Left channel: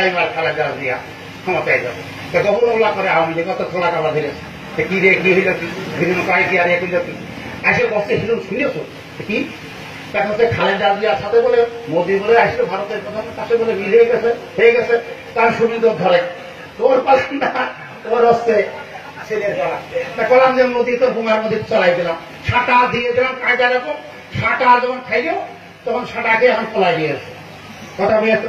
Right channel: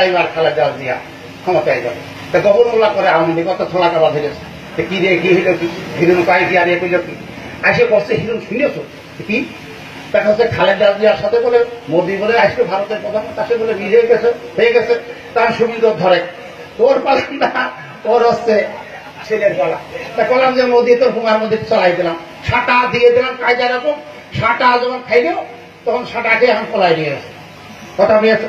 আগামীবার খালেদা জিয়া ক্ষমতায় যাবে। তা গভর্নর করে আওয়ামী লীগ অত থোলা কাবা ধরেছে, কি রে কি হইল কি হিরুন কয় কি আর এ কইল কি আসে কষ্ট হিরুন শুনেছো কি দেখা হচ্ছে খালেদা জিয়ার সাথে বলে মোদী বলে আসলে ভারতের প্রধান তার সাথে বলে মিল হয়ে গেছে তার সুবিধা ধরে তোর পালাম না ওর হচ্ছে ছেলের গলা। তা বললাম যে মোদী তোর হুমার মধ্যে চলাই দিলাম, সাঁটা দিয়ে দিলাম কায়দা রকম, সাঁটা যখন খাইলেও তখন সাঁটাকে এখন পলাই দিয়েছে কথা পেয়েছে।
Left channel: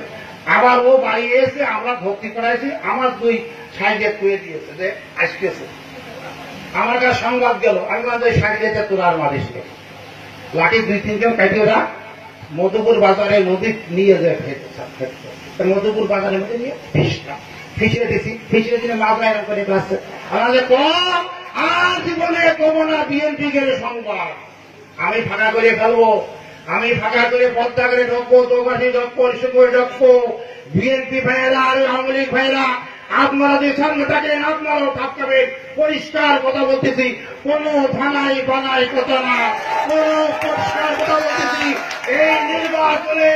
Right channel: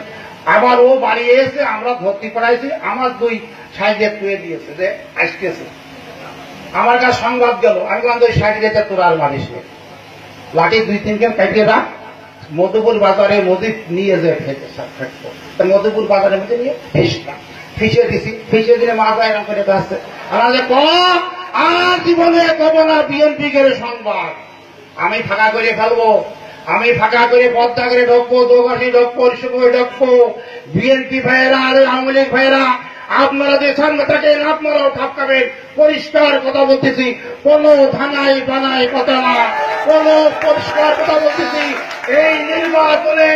আবার ও বাড়িয়ে এসে আমরা ভর্তি করাইছি, আমার 2 সাইডে খুঁয়ে দিয়েছে যে আসতেছে। আমার কাছে সংবাদ গেল, আমি বললাম ওই সাইডে যেতে তোর আর মারিস নে, লাঠি 2-3 জন কাটিয়ে রাখ, মধুপুর বাজারে নদী নিয়ে যায় ফেলতো, মধুপুর বাজারের মধ্যে নিয়ে ফিসলাম, ফিসে দিছি, ফিসে দিলে মাছ এরকম করে আসছে। আমাদের আর জীবনে কব না বিএনপি কে সংবাদ, আমি ফাঁকা করে ফেলবো, আমি ফাঁকা করে পদ্মা করে ঢুকবো, দোকাশি ঢুকবো, করে ঢুকবো। বিএনপি ভাইয়েরা আর আওয়ামী লীগ ভাইয়েরা আপনারা যে সামনে থাকেন আপনারাও ঠাপকাবেন। পরিষ্কার কথা বলতেছি, কোন থানায় বানায় কথা না, কোন পরিষ্কার কথা বলতেছি, এই নির্বাচনে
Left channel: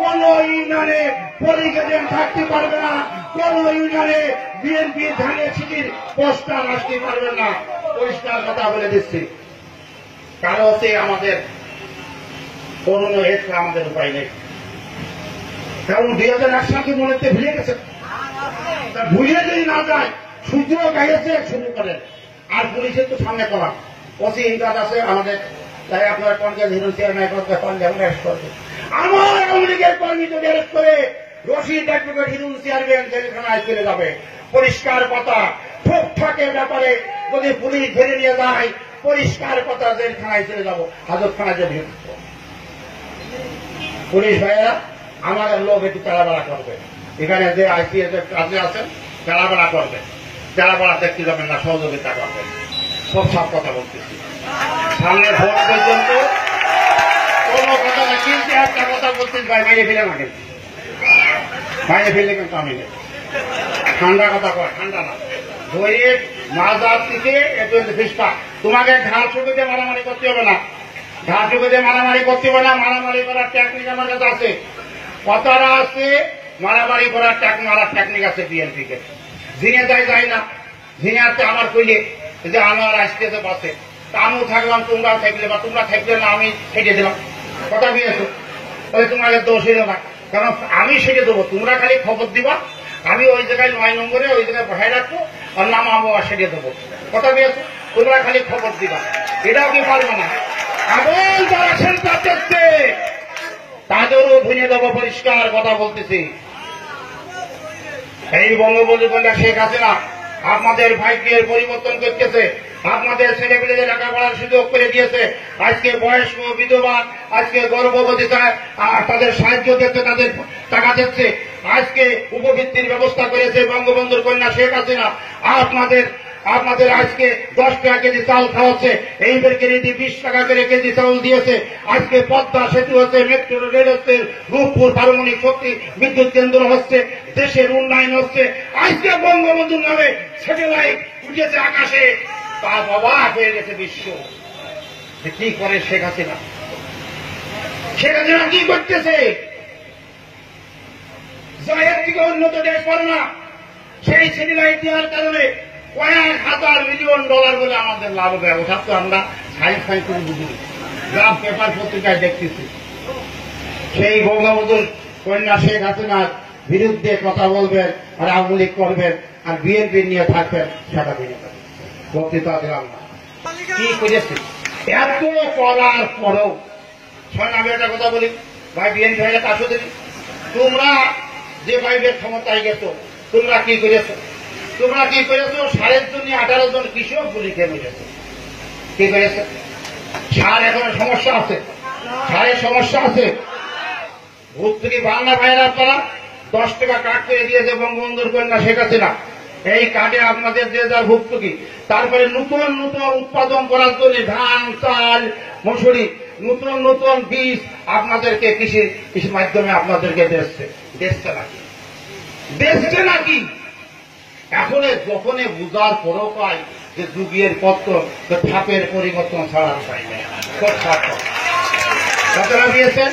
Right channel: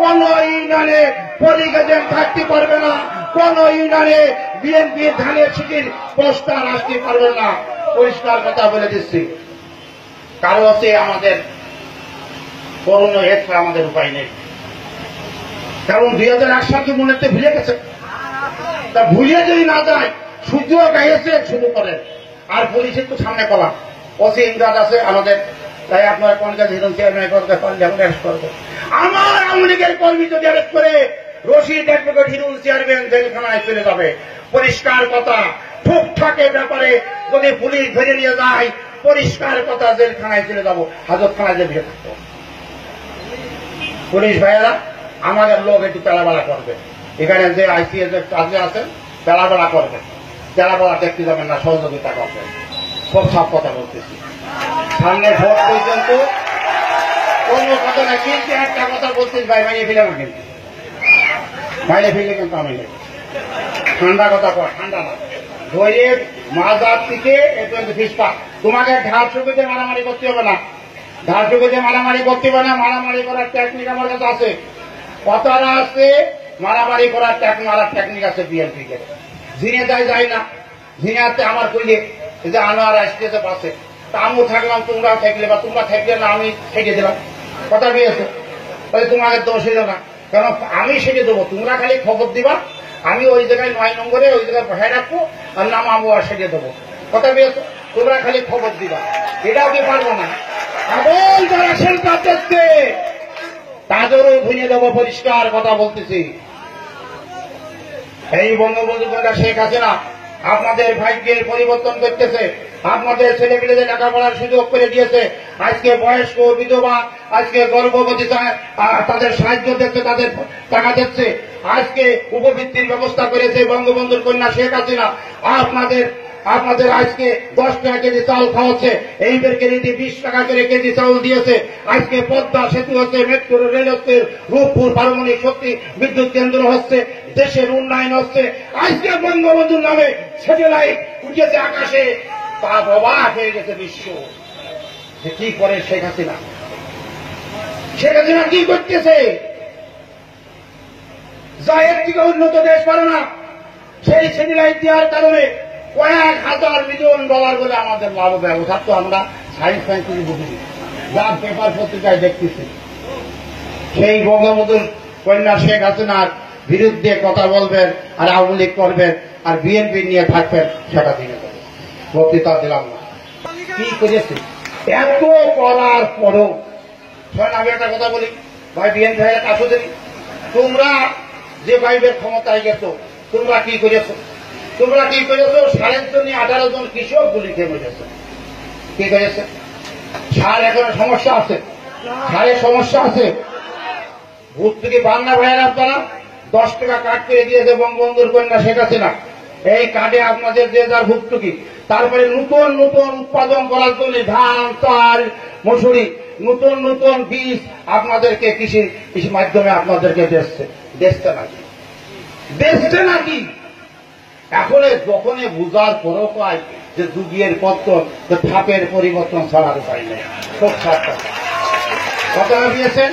কোন ইউনিয়নে পোলিং এজেন্ট থাকতে পারবে না, কোন ইউনিয়নে বিএনপি ধানের সিটির পোস্টার আসতে পারবে না। পরিষ্কার কথা বলে দিচ্ছি। কারো হচ্ছে আমাদের করুণ হয়েছে, আমাদের উপায় নেই। কারণ 2001 সালকে মনে হচ্ছে ভুলে গেছে, তা ভুলিয়ে যদি না যায় সূর্য গাইছে শুরু করেন। আর পুলিশের তো সামনে কলাম ওসি ইন্দাজ আছে আমাদের, তাই আপনারা কোন কাজ হিরণ চেয়ারম্যান করতে পারলে এখন অ্যারেস্ট করবে। আমার আওয়ামী লীগের কর্মী যদি অ্যারেস্ট করে রশিদ অ্যাডভোকেট হিরণ চেয়ারম্যান জেলখানায় চলে যাবে। পরিষ্কার কথা, ঠুকঠাকের ব্যাপারে যদি পুলিশ ধরে নিয়ে যায়, পরিষ্কার কথা জেলখানায় চলে যাবো, হাজতখানায় যে ভিড় থাকতো। পুলিশ ভাইয়েরা আমাদের লোক একটু তেলাবেলা করবে, এখানে যে আইসিএস কাজে আছেন তেলাবেলা করবেন, তেলাবেলা দেখতে যাবেন না, সহযোগিতা করবেন। সব সব কথা বলতেছি, সামনে ভোট পর্যন্ত কোনো কথা না। কিন্তু একটা কথা বলছিস ভাই, মাইনে ফেলে না, কিন্তু মাইনে ফেললে কিন্তু আমি নেই। ঠান্ডা কথা কর, ঠান্ডা না, ধরে মাজার থেকে একটু ফিসপা। তোমাকে ঢাল শুকিতে মারামারি করতে হবে না, ঢাল শুকিতে মারামারি করতে হবে না। মারামারি করার টেকনিক আমার কাছে আছে, কথাটা আছে, মারামারি করার মারার টেকনিক আছে বিএনপি কে। ঝিনে যায় না, ঝিনাতে আমার কইলে যে আনোয়ার আসতেছে বাসে, তা আমিও থাকলাম, তোমরাও থাকলে, বা তোমরা থাকলে না আমি ছেড়ে দিলাম, কথা পেয়েছো, তাহলে তোমাকে দোষ হইল না। কারণ আমি সেটে দেবো, তোমরা খালি খবর দিবা, আমি ওই জায়গায় 9 নম্বরে ওই জায়গায় বসায় রাখবো, আর নামাবো আর সেটে দেবো, কথা পেয়েছো। তোমরা খালি খবর দিবা, এটাও কি পারবো না। আবল যারা সেন্টার দেখছে তাদেরও ভুঁজে দেবো, পরিষ্কার কথা বলতেছি। এই বঙ্গবন্ধু কন্যা শেখ হাসিনা আপনাদের ভাগ্যের পরিবর্তন করতেছে, আপনাদের ছেলেপেলেদের লেখাপড়ার সুযোগ করে দিয়েছে। আজকে বয়স্ক বিধবা, আজকে গর্ভবতী তাদের সাহায্য দিচ্ছে, তাদের টাকা দিচ্ছে। আজকে উপবৃত্তির ব্যবস্থা করেছে বঙ্গবন্ধুর কন্যা শেখ হাসিনা। আপনাদের আজকে 10 টাকা কেজি চাল খাওয়াচ্ছে, এইবার কেজি 20 টাকা করে কেজি চাউল দিয়েছে। আজকে পদ্মা সেতু হচ্ছে, মেট্রো রেল হচ্ছে, রূপপুর পারমাণবিক শক্তি বিদ্যুৎ কেন্দ্র হচ্ছে, দেশের উন্নয়ন হচ্ছে। আজকে বঙ্গবন্ধুর নামে স্যাটেলাইট উঠেছে আকাশে, তা অবাক হয়ে গেছে বিশ্ব যে কি করে শেখ হাসিনা। শেখ হাসিনা কি করতেছে? যা এর থেকে উন্নত দেশ পারে না, সেই স্যাটেলাইট দেওয়ার কারণে কয়েক হাজার মিলিয়ন ডলার বলে আমাদের লাভ হবে। ওঠার তো আমরা সায়েন্স কিছু বুঝিনি, যা পেপার পত্রিকায় দেখতেছি। সেই বঙ্গবন্ধুর কন্যা শেখ হাসিনার বিরুদ্ধে কথা বলবেন, আর আওয়ামী লীগ করবেন, আর বিএনপি নিয়ে থাকবেন, সেটা দিনে বক্তৃতা দিলাম না। কি করেছে এত করার পরও? আমি একটা কথা বলি ভাই, বিএনপি হয়ে কাছে দিন, তোমরা যে ভাইবের ক্ষমতায় গেছো, তোমরা কি করেছো? তোমরা কি করেছো? সারের জন্য 18 জন কৃষক গুলি খেয়ে মরেছে। কি করেছে? সার এখনো সমস্যা আছে, সারের সমস্যা আছে। ভূত থেকে বাংলা ভাইয়ের আপনারা 10 টাকা কাট করে দিয়েছে বঙ্গবন্ধুর কন্যা শেখ হাসিনা। এই কার্ডে আপনাদের যে যার ভুক্তকি, তারপরে নতুন নতুন উৎপাদন করার জন্য ধান, চাল, মসুরি, নতুন নতুন বীজ আপনাদেরকে কৃষি মাধ্যমে আপনাদেরকে দেখছে নাকি? এখন যখনে বুঝার পরও পাই যে যুগের পত্তন, ধাপের পরিবর্তন ছাড়ার উপায় নেই। কথাটা দিয়েছেন,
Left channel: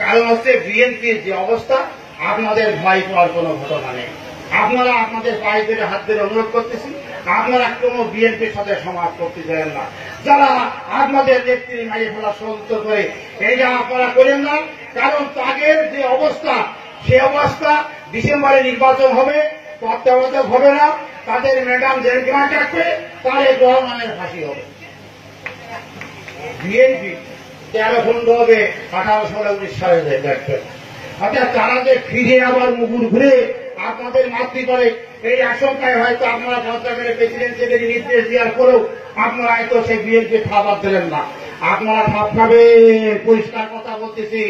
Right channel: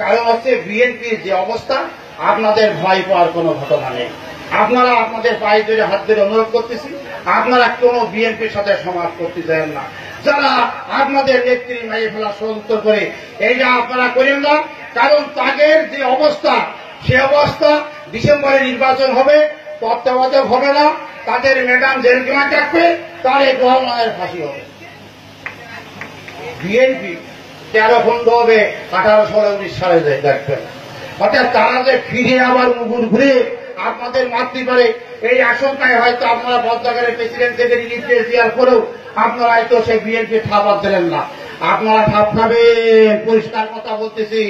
কারণ হচ্ছে বিএনপির যে অবস্থা, আপনাদের ভয় পাওয়ার কোনো ঘটনা নেই। আপনারা আপনাদের পায়ে ধরে হাত ধরে অনুরোধ করতেছি, আপনারা কোনো বিএনপির সাথে সমাজ করতে দেন না। যারা আপনাদের নেত্রী মারিয়ে ফেলা ষড়যন্ত্র করে এইটা আপনারা করেন না, কারণ তাদের যে অবস্থা সে অবস্থা ডিসেম্বরে নির্বাচন হবে, তত্ত্বাবধায়ক হবে না, তাদের ম্যাডাম জেলখানায় থাকবে, তারেক রহমানের ফাঁসি হবে। বিএনপি 13 খণ্ড হবে 18 সালে 19 সালে দেখবেন। অর্থাৎ তারা যে ফিরে আবার মুগুর ঘুরে আপনাদের মারতে পারে এই আশঙ্কায় হয়তো আপনারা বদলাগারে প্রেসিডেন্ট থেকে নির্দেশ দেওয়ার পরেও আপনারা হয়তো সেই বিএনপি ঠাপার দিলেন না। আপনারা ঠাপ খাবেন, পরিষ্কার কথা বলতেছি।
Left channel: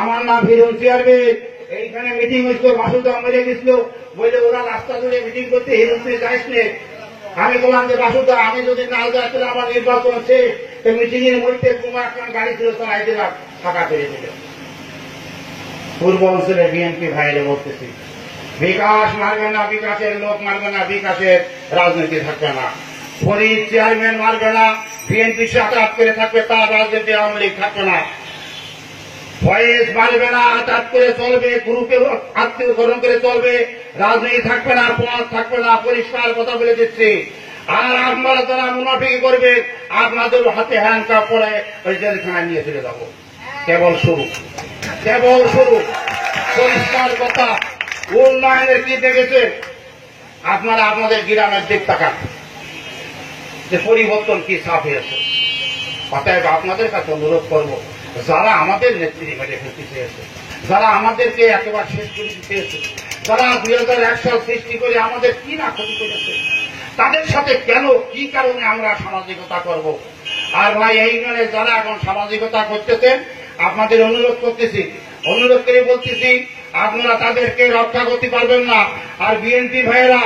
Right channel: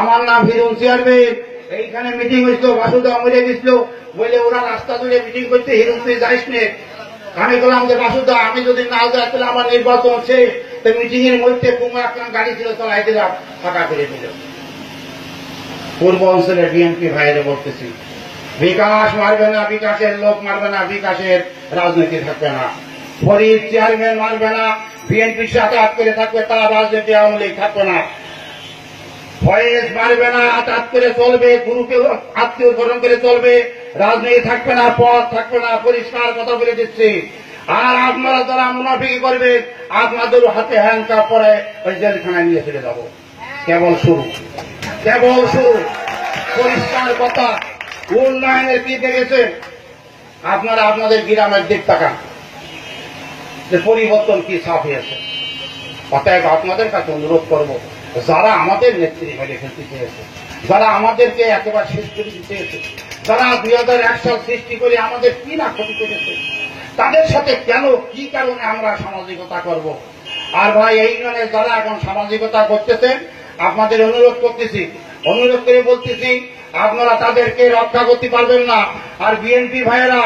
আমার নাম হিরণ চেয়ারম্যান, এইখানে মিটিং হয়েছিল, বাসুদেব মরে গেছিল বলে ওরা রাস্তা জুড়ে মিটিং করতে, হিরণ তুই যাইস নে। আমি বললাম যে বাসুদা, আমি যদি না যাই তাহলে আমার নির্বাচন হচ্ছে, তো মিটিং এর মধ্যে কোনো একটা গাড়ি ছিল চলাই দিলাম, ফাঁকা করে দিল। পূর্ব অঞ্চলের বিএনপি ভাইরে বলতেছি, বিকাশ মারবে না, বিকাশের লোক মারবে না, বিকাশের রাজনীতি থাকবে না। ফরিদ চেয়ারম্যান মারবে না, বিএনপির সাথে আট করে থাকবে, তার রাজনীতি আওয়ামী লীগ থাকবে না। ফয়েজ মারবে না, আঘাত করে চলবে, গুরুকে আত্মীয় গ্রহণ করে চলবে, রাজনীতি থাকবে না, পথ থাকবে না, পরিষ্কার কথা বলে দিচ্ছি। আর আপনারা যারা মুনাফিকি করবেন, আপনাদের হাতে হ্যান্ডকাপ পরে ওই জেলখানায় নিয়ে ফেলে যাব। কেবল শুরু, কেবল শুরু। পরিষ্কার কথা। উন্নয়নের কি দেখেছেন আপনারা? আপনাদের গ্রামের দিক তাকান যে পরিবর্তন কি ছাপ হয়েছে। অতএব আপনাদের কাছে অনুরোধ করব, যারা আমাদের নেত্রী মেরে ফেলতে চেয়েছে, যারা আমাদেরকে একেবারে শেষ করে দিতে চেয়েছে, যারা 2001 সাল সৃষ্টি করে আমাদের কি না ক্ষতি করেছে, তাদের সাথে কেন কি কারণে আমরা সামাজিকতা করব। আর ভাই, এই ইউনিয়নে যারা এখন সামাজিকতা করতেছেন, আপনাদের অনুরোধ করতেছি, অনুরোধ করে বলতেছি, আপনারা তাদেরকে রক্ষা করতে পারবেন না। আর বিএনপি ভাইয়েরা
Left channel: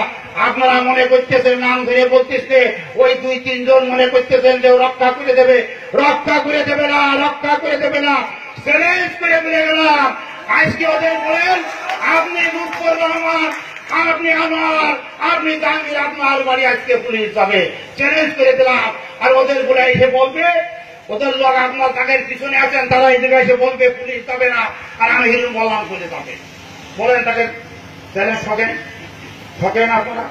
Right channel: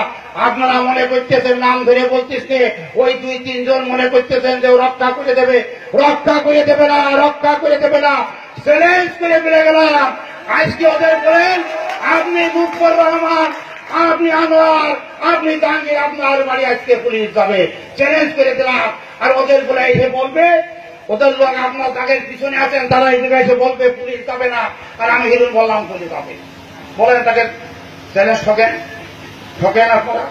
আপনারা মনে করতেছেন, নাম ধরে বলতেছে, ওই 2-3 জন মনে করতেছেন যে রক্ষা করে দেবে, রক্ষা করে দেবে না, রক্ষা করে দেবে না। চ্যালেঞ্জ করে বলে গেলাম, আজকে ওদের বলেন আপনি লুৎফর রহমান, আপনি আনোয়ার, আপনি জাহাঙ্গীর, আপনার বাড়ি আজকে পুলিশ যাবে, চ্যালেঞ্জ করে দিলাম। আর ওদের বলে এসে বলবে, ওদের লোক আপনার তাদের পিছনে আছেন, তারা এই জায়গায় এসে বলবে পুলিশ যাবে না, আর আমি হিরণ বললাম পুলিশ যাবে। বলেন তাকে চ্যালেঞ্জ ঠকেন, ঠকেন আপনারা।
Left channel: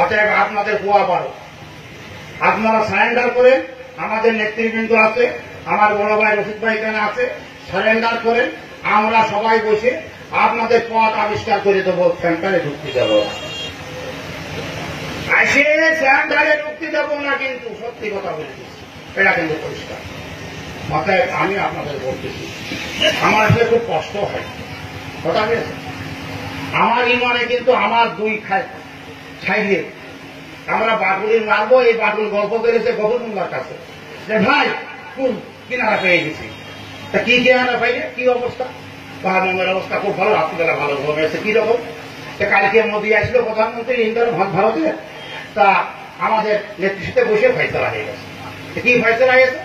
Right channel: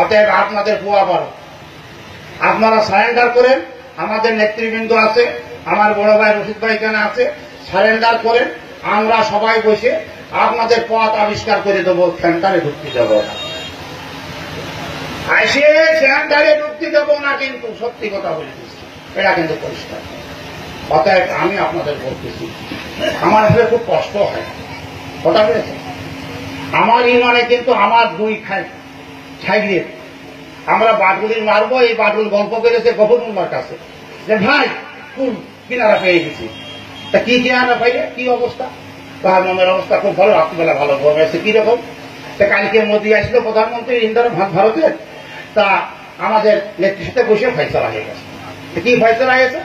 অতএব আপনাদের পোয়া বড়, আপনারা সারেন্ডার করেন। আমাদের নেতৃবৃন্দ আছে, আমার বড় ভাই রশিদ ভাই এখানে আছে, সারেন্ডার করেন। আমরা সবাই বসে আপনাদের পথ আবিষ্কার করে দেবো, সেন্টারে ঢুকতে দেব না, আসে সেন্টারে ঢুকতে দেব না, কিন্তু সত্যি কথা বলে দিচ্ছি, এটা কিন্তু পরিষ্কার। অতএব আমি আপনাদের বলতেছি, আমার আসলে খুব কষ্ট হয়, কথা বলেছে। আমার ইমানে কিন্তু আমার 2 ছাইলে আমরা বাটুলির মারবো, এই বাটুল গল্প করেছে গফরুল্লাহর কাছে যে ভাই খুব কিনারা পেয়ে গেছি। তা কি কিনারা পাইলে কি অবস্থা? তাহার মনের অবস্থা খুব ভালো, রাত্রিবেলা ভালো ঘুম এসে। কিরকম? তা কালকে মোদী আসলো প্রধানমন্ত্রী ইন্দিরা ভারতের, তা আমাদের নেত্রীর সাথে বসে ফয়সলা হয়ে গেছে। কি ফয়সলা হয়েছে?